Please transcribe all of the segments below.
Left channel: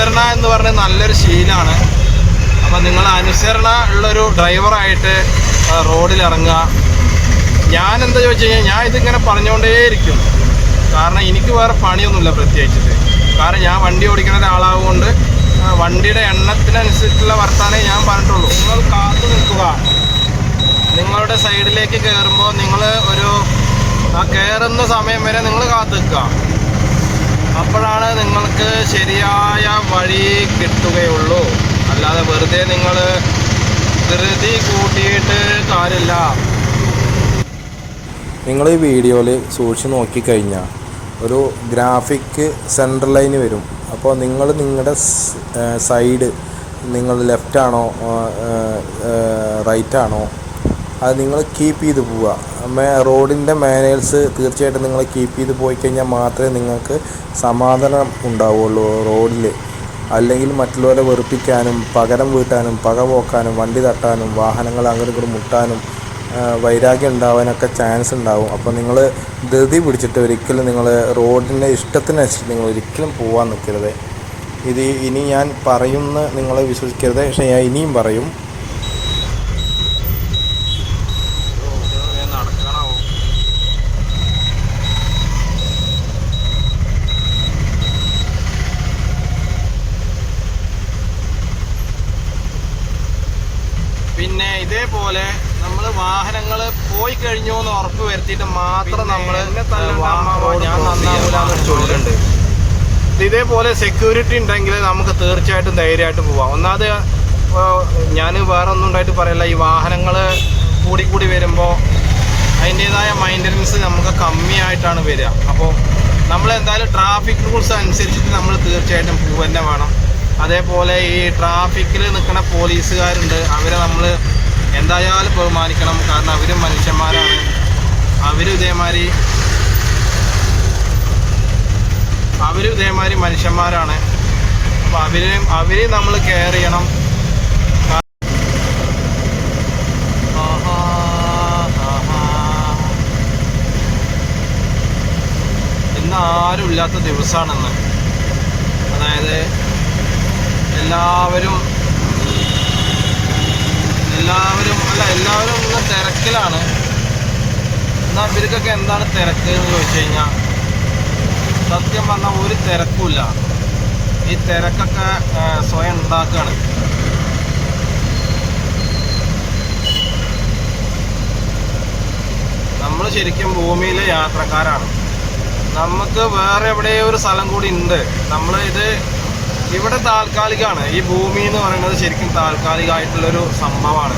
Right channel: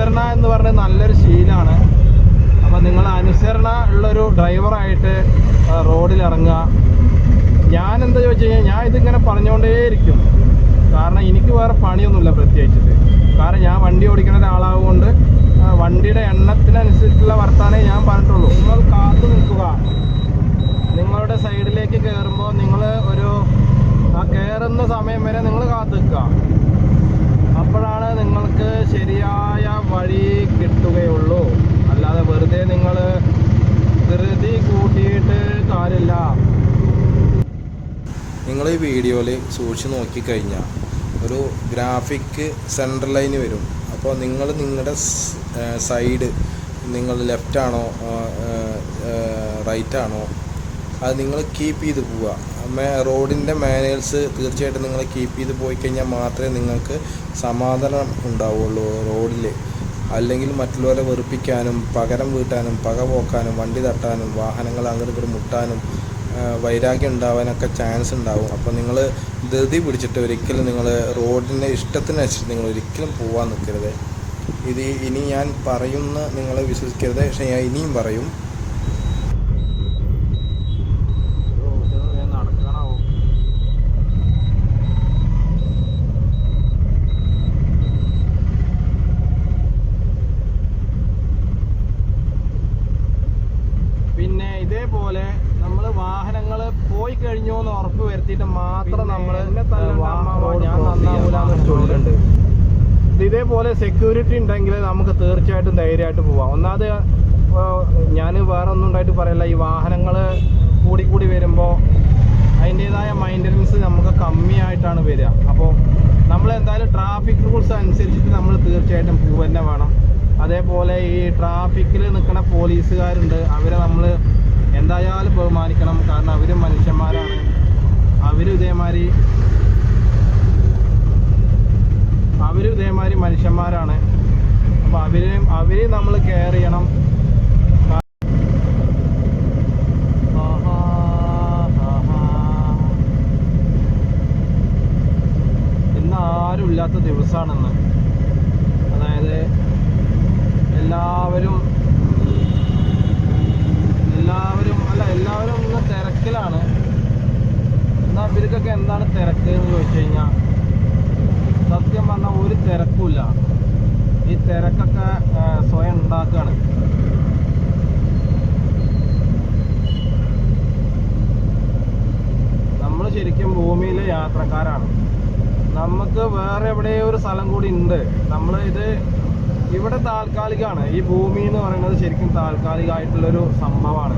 അനുസരണ എന്ന് പറഞ്ഞ നല്ലൊരു ശീലമാണ്. അപ്പം നിങ്ങൾ അനുസരണ ഉള്ളൊരു ഡ്രൈവറായിട്ട് റോഡിൽ ഇറങ്ങുക. ഞാൻ എന്താ ചോദിച്ചു കഴിഞ്ഞാൽ ഞാൻ ഇതിങ്ങനെ പറഞ്ഞുകൊണ്ടേയിരിക്കും. കാരണം എനിക്ക് വേറെ പണിയൊന്നുമില്ല പ്രത്യേകിച്ചിട്ട്. കാരണം ഞാൻ വണ്ടി ഓടിക്കുന്ന ഒരാളാവുകൊണ്ട് വണ്ടിയുടെ എണ്ണത്തിനനുസരിച്ചുള്ള വർത്താനേ ഞാൻ പറഞ്ഞിട്ടുള്ളൂ. നിങ്ങൾ കാത്തു നിൽക്കുക. നിങ്ങളുടെ സൈഡിലേക്ക് കയറുമ്പോൾ നിങ്ങൾ ആ കയറുന്ന സമയം വരെ നിങ്ങൾ കാത്തു നിൽക്കുക. അപ്പോഴാണ് നിങ്ങൾക്ക് ശരിയായ വഴി കിട്ടുകയുള്ളൂ. അല്ലാതെ വെറുതെ നിങ്ങൾ ധൃതി കൂട്ടിയിട്ട് കാര്യമില്ല. നിങ്ങൾ ഈ വീഡിയോയിൽ സൂക്ഷിച്ച് നോക്കിക്കഴിഞ്ഞാൽ ഒരു ഗ്രാഫിക് സെൻട്രൽ ലൈന് വരും. അപ്പോൾ നിങ്ങൾ നിങ്ങളുടെ സൈഡ് നിങ്ങൾ ലെഫ്റ്റാണോ റൈറ്റാണോ അത് നിങ്ങൾ കീപ്പ് ചെയ്ത് പോവുക. റോഡിൻ്റെ മാനേഴ്സ് തീർച്ചയായിട്ടും നിങ്ങൾ കീപ്പ് ചെയ്ത് പോയി കഴിഞ്ഞാൽ മാത്രമേ നിങ്ങൾക്ക് സമാധാനം ഉണ്ടാവുള്ളൂ റോഡിൽ. അല്ലെങ്കിൽ മറ്റുള്ളവരെ വെറുപ്പിക്കാനും പകരം വീട്ടാനും പക പോക്കാനും വണ്ടി തട്ടാനും വാഹനങ്ങൾ അങ്ങോട്ടും ഇങ്ങോട്ടും മുട്ടാനും വൈരാഗ്യം ഉണ്ടാവാനൊക്കെ ചാൻസ് ഉണ്ടാവും. അപ്പോൾ നിങ്ങൾ ധൃതി പിടിച്ചിട്ട് ഒരിക്കലും നിങ്ങൾ റോഡിൻ്റെ ഇഷ്ടത്തിനനുസരിച്ച് നിങ്ങൾ ഒരിക്കലും പോകാൻ നിൽക്കരുത്. ഇനി ഞാൻ പറയുന്ന നിങ്ങൾ വിശ്വസിക്കരുത്. പക്ഷേ ഞാൻ ഇനിയും പറയും. പിന്നെ ഇതേപോലെ നമ്മൾ വാഹനങ്ങൾ പോയി കഴിഞ്ഞു എന്ന് ഉറപ്പ് വരുത്തിയിട്ട് മാത്രം നമ്മൾ ഞാൻ നന്നാവില്ലാന്നൊരു ചൊല്ലുണ്ട്. ഇതേപോലെ സെക്യൂരിറ്റി ഉണ്ടെങ്കിൽ നമുക്ക് തീർച്ചയായിട്ടും ധൈര്യമായിട്ട് പോവാം. ഒന്നാമത് ഞാൻ വേറെ ഒന്നും ഉണ്ടായിട്ട് പറയില്ല. ഈ വാഹനങ്ങൾ കൂടി വരുമ്പോൾ അതിൻ്റേതായ മെയിൻ്റനൻസ് നമുക്ക് കമ്മിയായിട്ടാണ് വരിക. അപ്പോൾ നമ്മൾ എന്തായാലും ട്രാഫിക് റൂൾസ് അനുസരിച്ചിട്ട് നമ്മൾ തീർച്ചയായിട്ടും പോവുക തന്നെ വേണം. അതേപോലെ ഈ ട്രാഫിക്കിൽ നിൽക്കുന്ന പോലീസുകാരുണ്ട്, അവരെ നമ്മൾ എന്തായാലും ബഹുമാനിക്കണം. കാരണം അവരും മനുഷ്യന്മാരാണ്. അവരും ഇതേമാതിരി മനുഷ്യന്മാരാണ്. അപ്പോൾ അവരെയും നമ്മൾ കെയർ ചെയ്യണം. ഇന്ന് ആരും ഇല്ലാത്ത ദിവസമാണെന്ന്. അതായത് എല്ലാവരും ഒന്ന് തിരക്കിലാണ്. എന്നാൽ ഇവർക്കൊക്കെ എന്താണ് തിരക്ക് എന്ന് ചോദിച്ചു കഴിഞ്ഞാൽ സത്യം പറഞ്ഞാൽ ഒരു തിരക്കുമില്ല. ഈ തിരക്കൊക്കെ സ്വയം ഉണ്ടാക്കുകയാണ്. നമ്മൾ ശരിക്കും ഭൂമിയിലെ യാത്രക്കാരാണ്. നമുക്ക് വേറെ എവിടെയോ ഒരു സ്ഥലം കൂടി ഉണ്ട്. ഇവിടെ താൽക്കാലികമാണ്. ഈ ഭൂമി എന്ന് പറയുന്നത് ശരിക്കും താൽക്കാലികമായിട്ടുള്ളൊരു സംഭവമാണ്.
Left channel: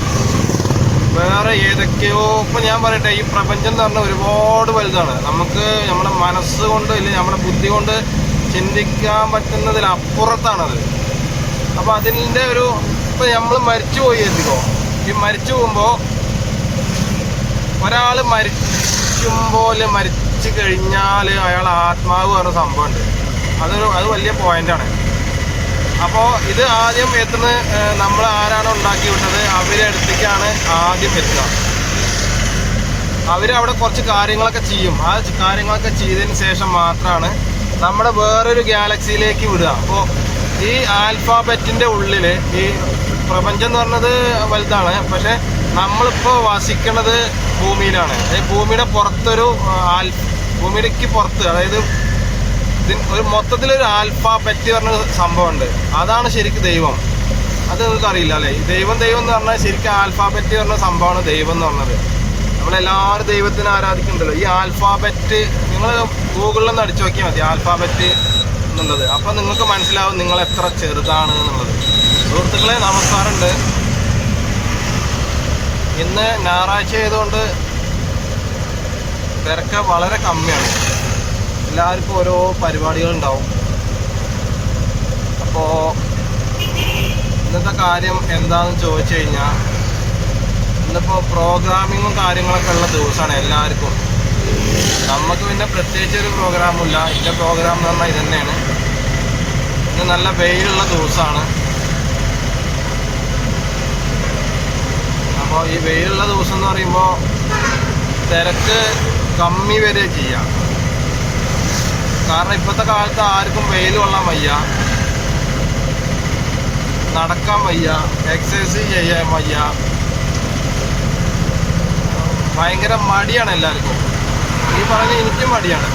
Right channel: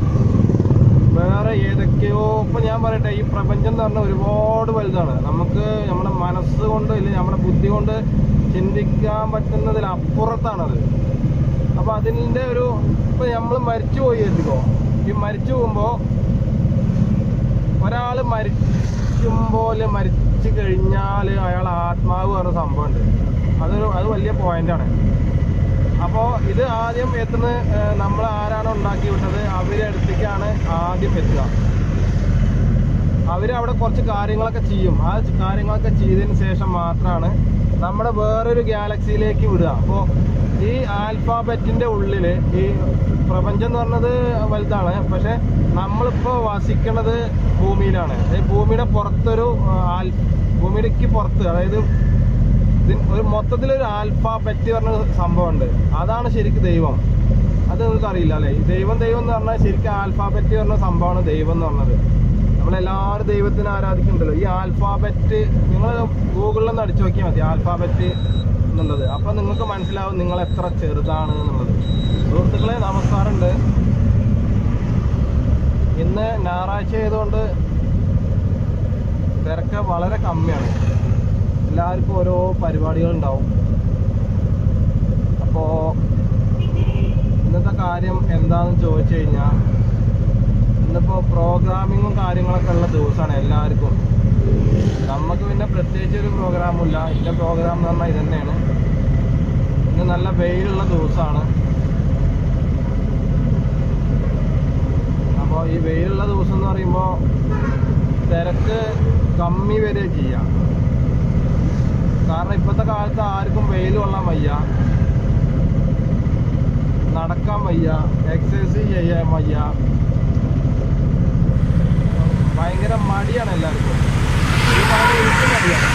വേറെ ഏതൊക്കെയോ ഇപ്പം ഞാൻ പറയട്ടെ, ഈ പ്രപഞ്ചം എന്ന് പറഞ്ഞാൽ ഒരുപാട് വലുതാണ്. നമുക്ക് നമ്മുടെ മനസ്സുകൊണ്ട് ഇല്ലെങ്കിൽ നമ്മുടെ ബുദ്ധി കൊണ്ട് ചിന്തിക്കാൻ പറ്റുന്നതിലപ്പുറത്താണത്. അപ്പോൾ അതിൻ്റെ ഇപ്പം നമ്മൾ മരിച്ചു പോയി എത്തിക്കോ. ഈ മരിച്ചു പോകുമ്പോൾ ഒരാൾ മരിച്ചു കഴിഞ്ഞാൽ അയാൾ ആത്മാവ് പറഞ്ഞ സംഭവമുണ്ട്. അത് വലിയ പോയിന്റാണ്. അപ്പോൾ ഇത് ആദ്യം എത്തുന്ന നമ്മൾ ആരാണ് ഉണ്ടാക്കി വിട്ടത് അവരെ അടുത്തേക്കാണ് ആദ്യം എത്തുക. അവരവിടെ കുറച്ച് കാര്യങ്ങളൊക്കെ ചെയ്യും. ആ കാര്യങ്ങളൊക്കെ ചെയ്തതിന് ശേഷം മാത്രമാണ് നമ്മുടെ വേറൊരു ഗാലക്സിയിലേക്ക് വിടുക. അപ്പോൾ ഈ ആൽഫാബെറ്റിൻ്റെ ഉള്ളിൽ ഈ പ്രപഞ്ചം എന്ന് പറഞ്ഞത് വലുതാണ്. പക്ഷെ നമ്മളിപ്പോൾ വസിക്കുന്നത് ഭൂമിയിലാണ്. ഭൂമിയുടെ പുറത്തൊരു ഭൂമിയിലേക്ക് പുറത്ത്, അതായത് ഒരു മൊത്തത്തിലൊരു ആൽഫാബെറ്റ് പറഞ്ഞ സംഭവമുണ്ട്. അതാണ് ശരിക്കും ദൈവം. അത് നിങ്ങൾക്ക് അറിയില്ല അല്ലേ? ദൈവം എന്ന് പറഞ്ഞാൽ ശരിക്കും ആൽഫാബെറ്റ് പറഞ്ഞ സംഭവമാണ് ദൈവം എന്ന് പറഞ്ഞത്. നമ്മളെല്ലാവരും ദൈവത്തിനെ ആരാധിക്കുന്നുണ്ടല്ലോ. ഈ ആൽഫാബെറ്റ് നിങ്ങൾ ഗൂഗിളിലൊന്ന് അടിച്ചു നോക്കിയാൽ മതി, ആൽഫാബെറ്റ് എന്നുള്ളത്. അപ്പം നിങ്ങൾക്ക് മനസ്സിലാവും നിങ്ങൾ എത്ര ചെറുതാണ് എന്നുള്ളത്. സുഹൃത്തുക്കളെ, നമസ്കാരമുണ്ട്. ഇന്ന് ഞായറാഴ്ച ആയതുകൊണ്ട് തിരക്ക് വളരെ കമ്മിയാണ്. എല്ലാവർക്കും ഓരോ പരിപാടികളുണ്ടാവും. അപ്പോൾ ഇന്നത്തെ കാര്യം എന്താണെന്ന് ചോദിച്ചു കഴിഞ്ഞാൽ, ഇന്നിപ്പോൾ പ്രോഗ്രാമിങ്ങും കാര്യങ്ങളൊക്കെ ഉള്ള ദിവസമാണ് എല്ലാവർക്കും. നമുക്ക് പിന്നെ പ്രത്യേകിച്ച് ഒരു പ്രോഗ്രാമില്ല. ഇതിൻ്റെ പ്രോഗ്രാം എന്ന് പറഞ്ഞാൽ ഇത് തന്നെയാണ്. ഇന്ന് നല്ല വെയിലുള്ള ദിവസമാണ്. അപ്പോൾ ഈ വെയിലുള്ള ദിവസം എന്ന് പറയുമ്പോൾ തിരക്ക് കമ്മി വരെ ചെയ്യാം. കാരണം ഇപ്പോഴത്തെ കാലത്ത് ആർക്കും വെയിൽ കൊള്ളാൻ വയ്യ. വയ്യ, എക്സസൈസ് ചെയ്യാൻ വയ്യ, ഭയങ്കര മടിയാണ് എല്ലാവർക്കും. ഈ പറഞ്ഞ എനിക്ക് മടിയാണ്.